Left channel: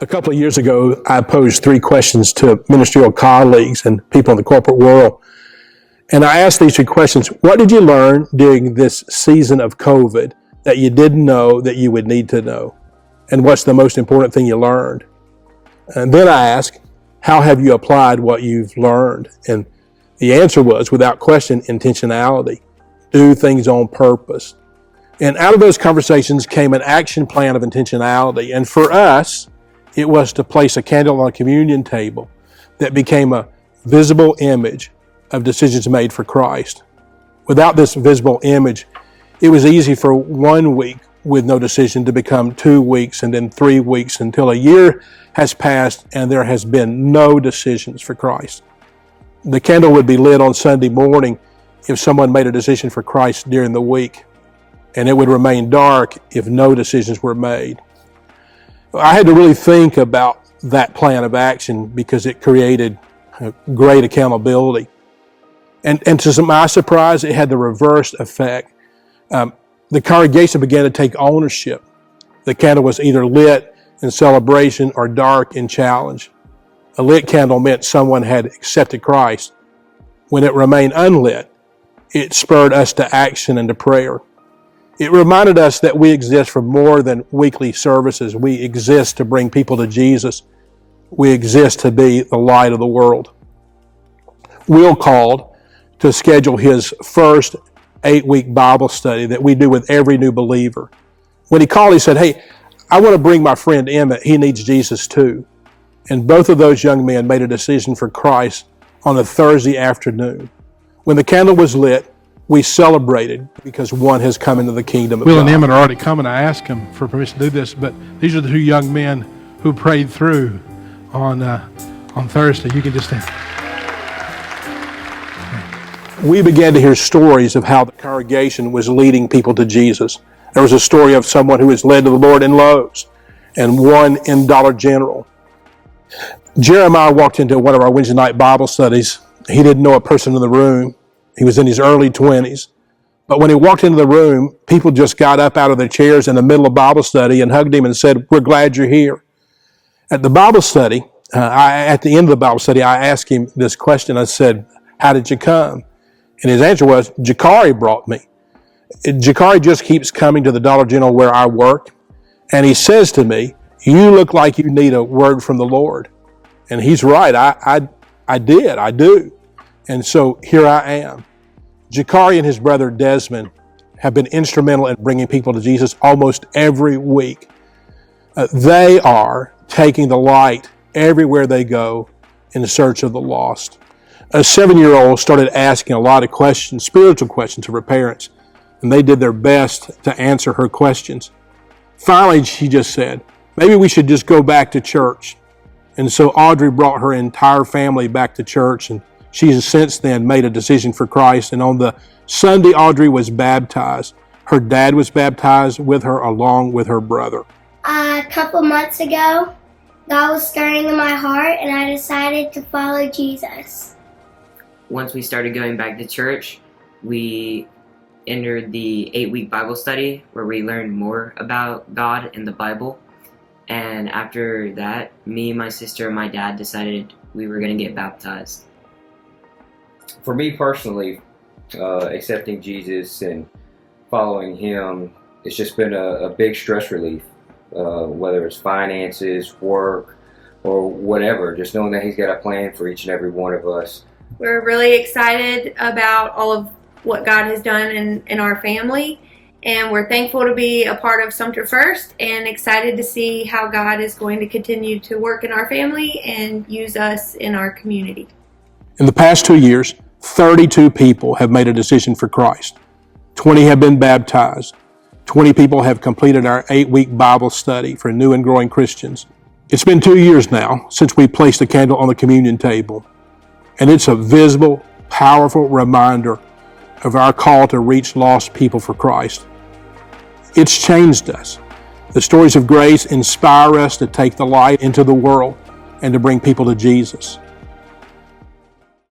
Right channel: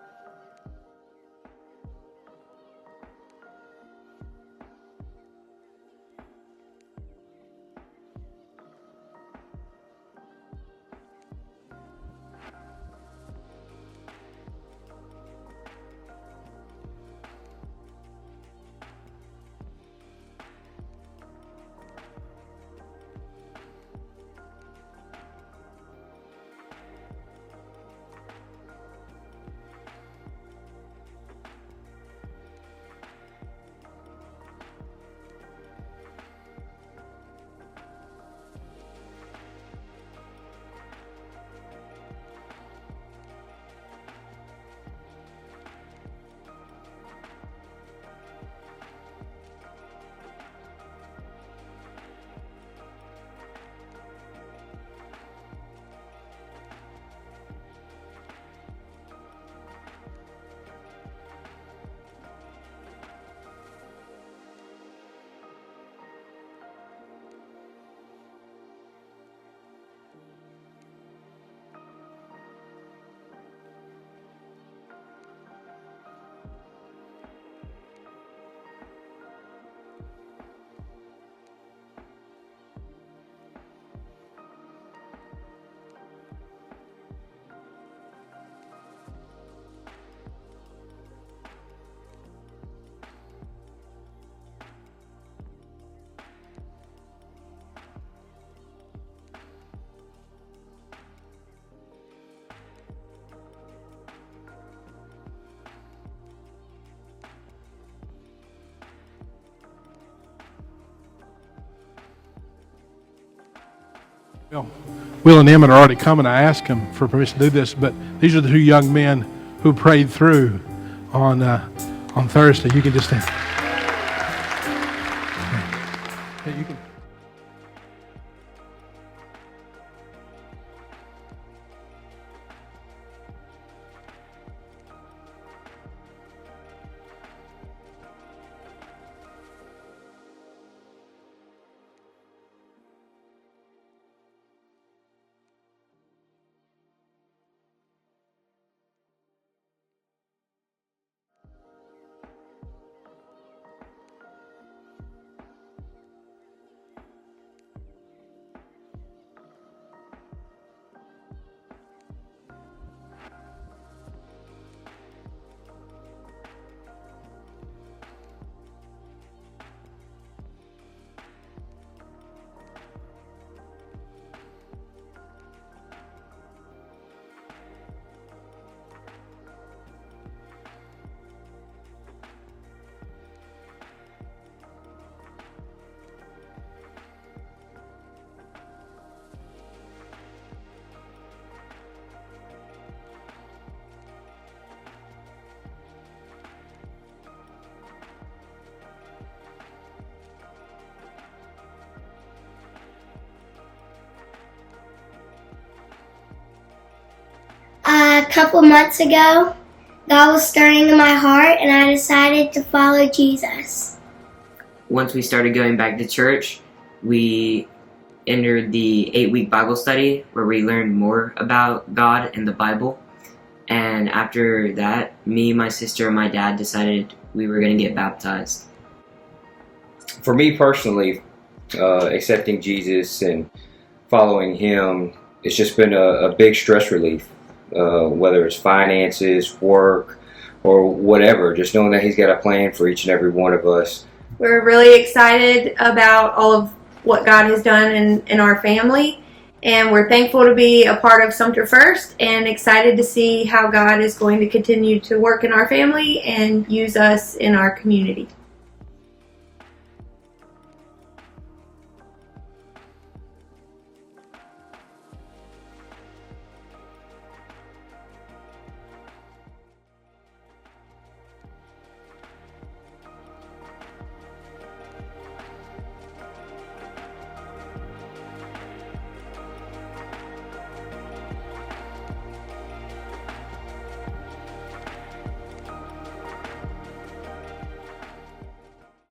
A couple of years ago, I posed 3 questions to ministerial colleagues and people in the corporate world. And I asked these 3 questions. What did you learn during this season of COVID that you didn't know that you would need to know? And what's the most important thing you learned? And then I asked, how have you applied what you've learned? And the answer was, without question, intentionality. Do things on purpose. And out of those conversations came an action plan of intentionality. And for us, it was to place a candle on a communion table that became a visible image of decisions made for Christ. Without this visible image, it was easy for 1 week with no decision to become 2 weeks and then 3 weeks until a year has passed and there has been no decisions for Christ. The candle would be lit on Sunday morning if someone made a decision for Christ during the week, and it would remain dark if no decisions were made. I had to really think about that plan of action because it created great accountability. And to my surprise, it had the reverse effect. The congregation began to take ownership. The candle was either lit in celebration or dark in challenge. A lit candle meant someone had accepted Christ. When it remained unlit, it spurred us to action and to prayer. It reminded us that we exist for more than weekly services. We exist to bring people to Jesus. We exist to be the light of the world. Will called to schedule his first 8-week Bible study that we do with every new believer. When he called, he said, hey, I want to bring my friend Emmett. He needs Jesus too. And both of those young men made a decision for Christ on a Thursday afternoon. When the candle was lit, we celebrated because one has come into the kingdom of Will God. and Emmett are already coming. I asked him for permission to do this, but these are the 2 young men who prayed through on Thursday. You can just stand. We began to hear stories of how the congregation was leading people to Jesus. There was a story of someone who was led to the Lord in Lowe's and one in Dollar General. Jeremiah walked into one of our Wednesday night Bible studies. He didn't know a person in the room. He was in his early 20s. But when he walked into the room, people just got up out of their chairs in the middle of Bible study and hugged him and said, we're glad you're here. At the Bible study, at the end of the Bible study, I asked him this question. I said, how did you come? And his answer was, Jakari brought me. Jakari just keeps coming to the Dollar General where I work. And he says to me, you look like you need a word from the Lord. And he's right. I do. And so here I am. Jakari and his brother Desmond have been instrumental in bringing people to Jesus almost every week. They are taking the light everywhere they go in search of the lost. A 7-year-old started asking a lot of questions, spiritual questions of her parents, and they did their best to answer her questions. Finally, she just said, maybe we should just go back to church. And so Audrey brought her entire family back to church, and she has since then made a decision for Christ. And on the Sunday, Audrey was baptized. Her dad was baptized with her along with her brother. A couple months ago, God was stirring in my heart and I decided to follow Jesus. Once we started going back to church, we entered the 8-week Bible study where we learned more about God and the Bible. And after that, me, my sister, and my dad decided we were going to get baptized. For me personally, accepting Jesus and following him, it's just been a big stress relief, whether it's finances, work, or whatever, just knowing that he's got a plan for each and every one of us. We're really excited about all of what God has done in our family, and we're thankful to be a part of Sumter First and excited to see how God is going to continue to work in our family and use us in our community. In the past 2 years, 32 people have made a decision for Christ. 20 have been baptized. 20 people have completed our 8-week Bible study for new and growing Christians. It's been 2 years now since we placed the candle on the communion table, and it's a visible, powerful reminder of our call to reach lost people for Christ. It's changed us. The stories of grace inspire us to take the light into the world and to bring people to Jesus.